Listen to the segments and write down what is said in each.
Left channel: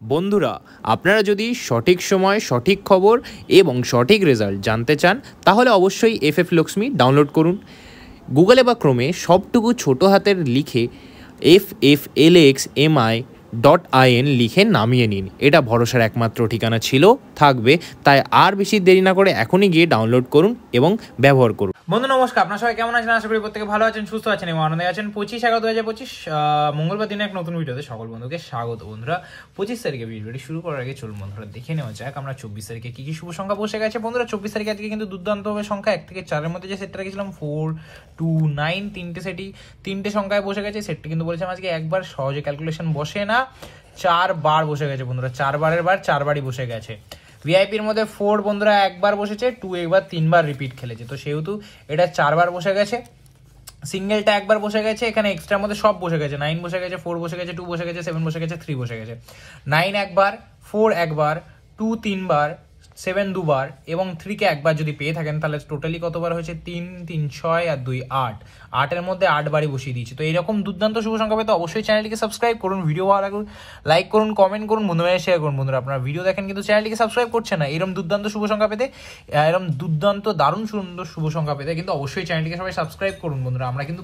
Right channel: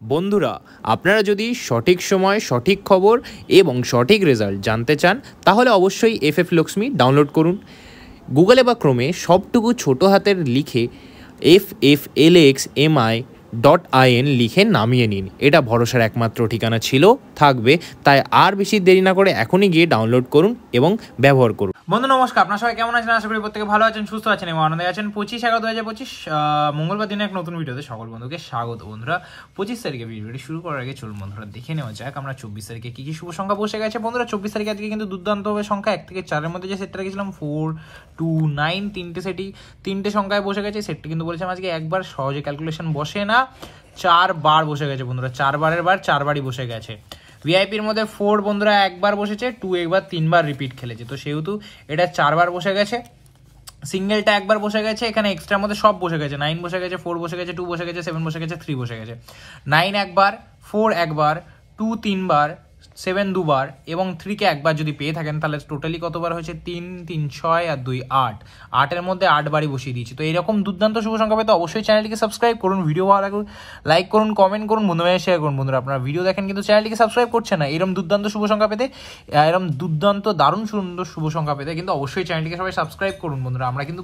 বন্ধুরা, আপনারা যদি সঠিক সময় সঠিক খবর এবং সঠিক রেজাল্ট জানতে চান তাহলে অবশ্যই এফএফ লক্ষ্মী ডাউনলোড করুন। গুগলে বা ক্রোমে সবটুকু ছোটো হাতের লিখে FFLXMI.in লিখে নামিয়ে নিন। এটা ভরসার একমাত্র ঠিকানা ছিল, থাকবে। তাই আর বেশি দেরি না করে এখনই গিয়ে ডাউনলোড করুন এবং ব্যবহার করুন। বন্ধু নমস্কার, আপনারা সবাই কেমন আছেন? আশা করি প্রত্যেকে ভালো আছেন, সুস্থ আছেন এবং আনন্দে আছেন। 25/11/2025 মঙ্গলবার দিনে এক নতুন ভিডিওতে সকল বন্ধুকে স্বাগত। বন্ধুরা, 25 তারিখে ভিডিওটি শুরু করার আগে চলুন বন্ধুরা দেখে নেওয়া যাক আমরা 24 তারিখে কি কি শুভ সংখ্যা বসে গেছে। বন্ধুরা, 24 তারিখে আজকে কিন্তু দুর্দান্ত হবে সংখ্যা। 1 থেকে 4 এর মধ্যে যে সেটটা রেখেছিলাম 4, 2, 9 তিনটে সেটই তিনটে সংখ্যায় বসে গেছে। সেটটি কিন্তু বলেছিলাম আজকে একবার সহজে ক্যালকুলেশন বসে না, 4 বার বসে গেছে বন্ধুরা। 4 বারের বার 4 বারই বসে গেছে। ভিআইপির মধ্যে 4 বন্ধুরা একবার বসেছে, 2 একবার 3 বার রিপিট খেলেছে, তো সেহেতু এটা 4 বার বসে গেছে। সিঙ্গেলটা একবার বসে গেছে, এখানে এক্সট্রার মধ্যে সব বসে গেছে। 9 বসে গেছে, 4 বসে গেছে, 2 বসে গেছে, 7 বসে গেছে, 3 বসে গেছে। 9 একবার, 4 একবার, 2 3 বার, 7 দুবার এবং 3 কে একবার যদি পেয়ে থাকেন তাহলে টোটালি কতবার হয়েছে? 3 3 6 আর 2 8। 8 এর মধ্যে 8 বারই বসিয়ে দিয়েছি। তো এরকম দুর্দান্ত শুভ সংখ্যা পেতে অবশ্যই চ্যানেলটিকে সাবস্ক্রাইব করুন, ভিডিও ভালো লাগলে লাইক করুন, কমেন্ট করুন, বন্ধুদের শেয়ার করুন। বন্ধুরা, আপনারা ভিডিও দেখেন কিন্তু চ্যানেলটিকে সাবস্ক্রাইব করছেন না। এরকম দুর্দান্ত শুভ সংখ্যা পেতে, এরকম দুর্দান্ত দারুণ সুন্দর শুভ সংখ্যা পেতে কিন্তু অবশ্যই চ্যানেলটিকে সবাই সাবস্ক্রাইব করুন। বন্ধুরা, আমরা কিন্তু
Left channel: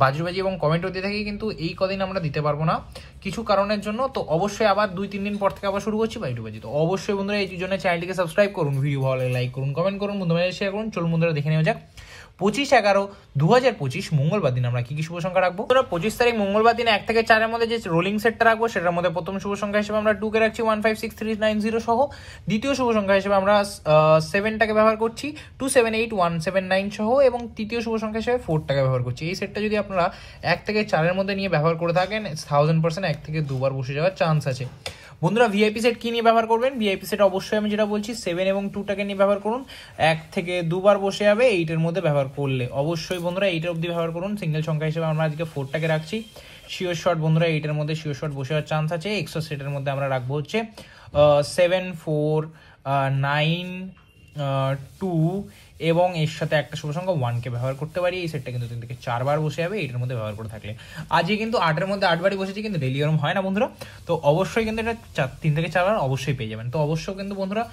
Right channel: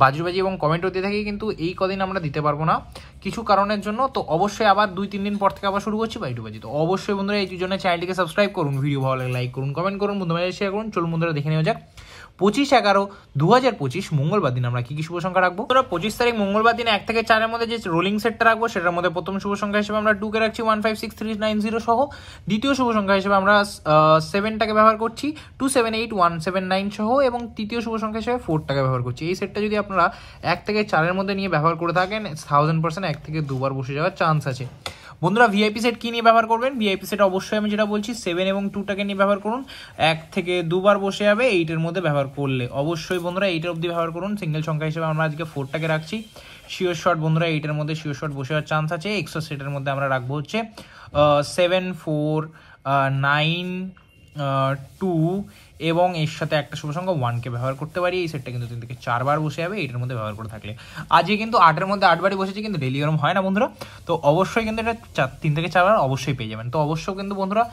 বাজি এবং কমেন্টও দিয়ে থাকি, কিন্তু এই কদিন আমরা দিতে পারবো না কিছু কারণের জন্য। তো অবশ্যই আবার 2-3 দিন পর থেকে আবার শুরু করছি বাজি। তো অবশ্যই বন্ধুরা এই জন্য চ্যানেলটিকে সাবস্ক্রাইব করুন, ভিডিও ভালো লাগলে লাইক করুন, কমেন্ট করুন, বন্ধুদের শেয়ার করুন। চলুন বন্ধুরা দেখে নেওয়া যাক 25/11/2025 মঙ্গলবার দিন আমরা কি কি শুভ সংখ্যা রাখবো। 25 তারিখ মঙ্গলবার দিন 1 থেকে 4 এর মধ্যে যে রোলিং সেটটা রাখবো সেটার মধ্যে প্রথম শুভ সংখ্যা হিসেবে আমরা 2 কে রাখছি 156390 সহ। দ্বিতীয় শুভ সংখ্যা হিসেবে আমরা 7 টাকে ব্যবহার করছি 278179 সহ, এবং তৃতীয় শুভ সংখ্যা হিসেবে 4 টাকে ব্যবহার করছি। এই সেটটা যদি আপনারা 1 থেকে 4 এর মধ্যে নিয়ে ব্যবহার করে থাকেন 1000% 1 থেকে 2 বার বসে যাওয়ার চান্স আছে। বন্ধুরা, ভিআইপি সেট কি নিয়ে ব্যবহার করবেন? ভিআইপি সেট অবশ্যই আমি যেটা বলছি 7 এবং 2 টাকে নিয়ে ব্যবহার করুন। 1 থেকে 2 বার বসে যাবে 8 এর মধ্যে ব্যবহার করলে। অবশ্যই বন্ধুরা 8 এর অবধি ব্যবহার করুন। সিঙ্গেল সংখ্যা হিসেবে আমরা আজকে 4 টাকে রাখছি। শিওর শট বন্ধুরা 8 এর মধ্যে শিওর শট বসে যাওয়ার চান্স আছে। এক্সট্রা সেটের মধ্যে আমরা রাখবো হচ্ছে 7 4 9 2 এবং এর সাথে একটা শুভ সংখ্যা 1 কে ব্যবহার করতে পারি। এই সেটটা কিন্তু 3 থেকে 4 বার বসে যাবে 8 এর মধ্যে ব্যবহার করে থাকলে। আজকে কিন্তু 8 এর মধ্যে 8 বারই বসেছে, কিন্তু ডেলি এরকম হয় না বন্ধুরা। তো অবশ্যই কিন্তু এটা 3 থেকে 4 বার অবশ্যই পেয়ে যাবেন। তো অবশ্যই কিন্তু বন্ধুরা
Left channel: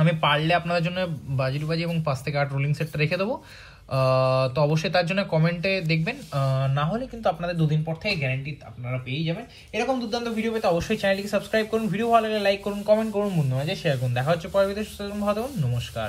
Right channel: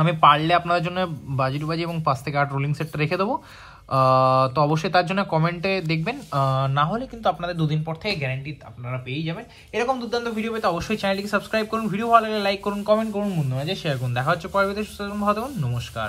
আমি পারলে আপনাদের জন্য বাজি এবং 5 থেকে 8 রোলিং সেটটা রেখে দেবো। তো অবশ্যই তার জন্য কমেন্টে দেখবেন, না হলে কিন্তু আপনাদের 2 দিন পর থেকে গ্যারান্টি আপনারা পেয়ে যাবেন। এরকম দুর্দান্ত ভিডিও পেতে অবশ্যই চ্যানেলটিকে সাবস্ক্রাইব করুন, ভিডিও ভালো লাগলে লাইক করুন, কমেন্ট করুন, বন্ধুদের শেয়ার করুন। দেখা হচ্ছে পরের ভিডিওতে। সুস্থ থাকুন, ভালো থাকুন, নমস্কার।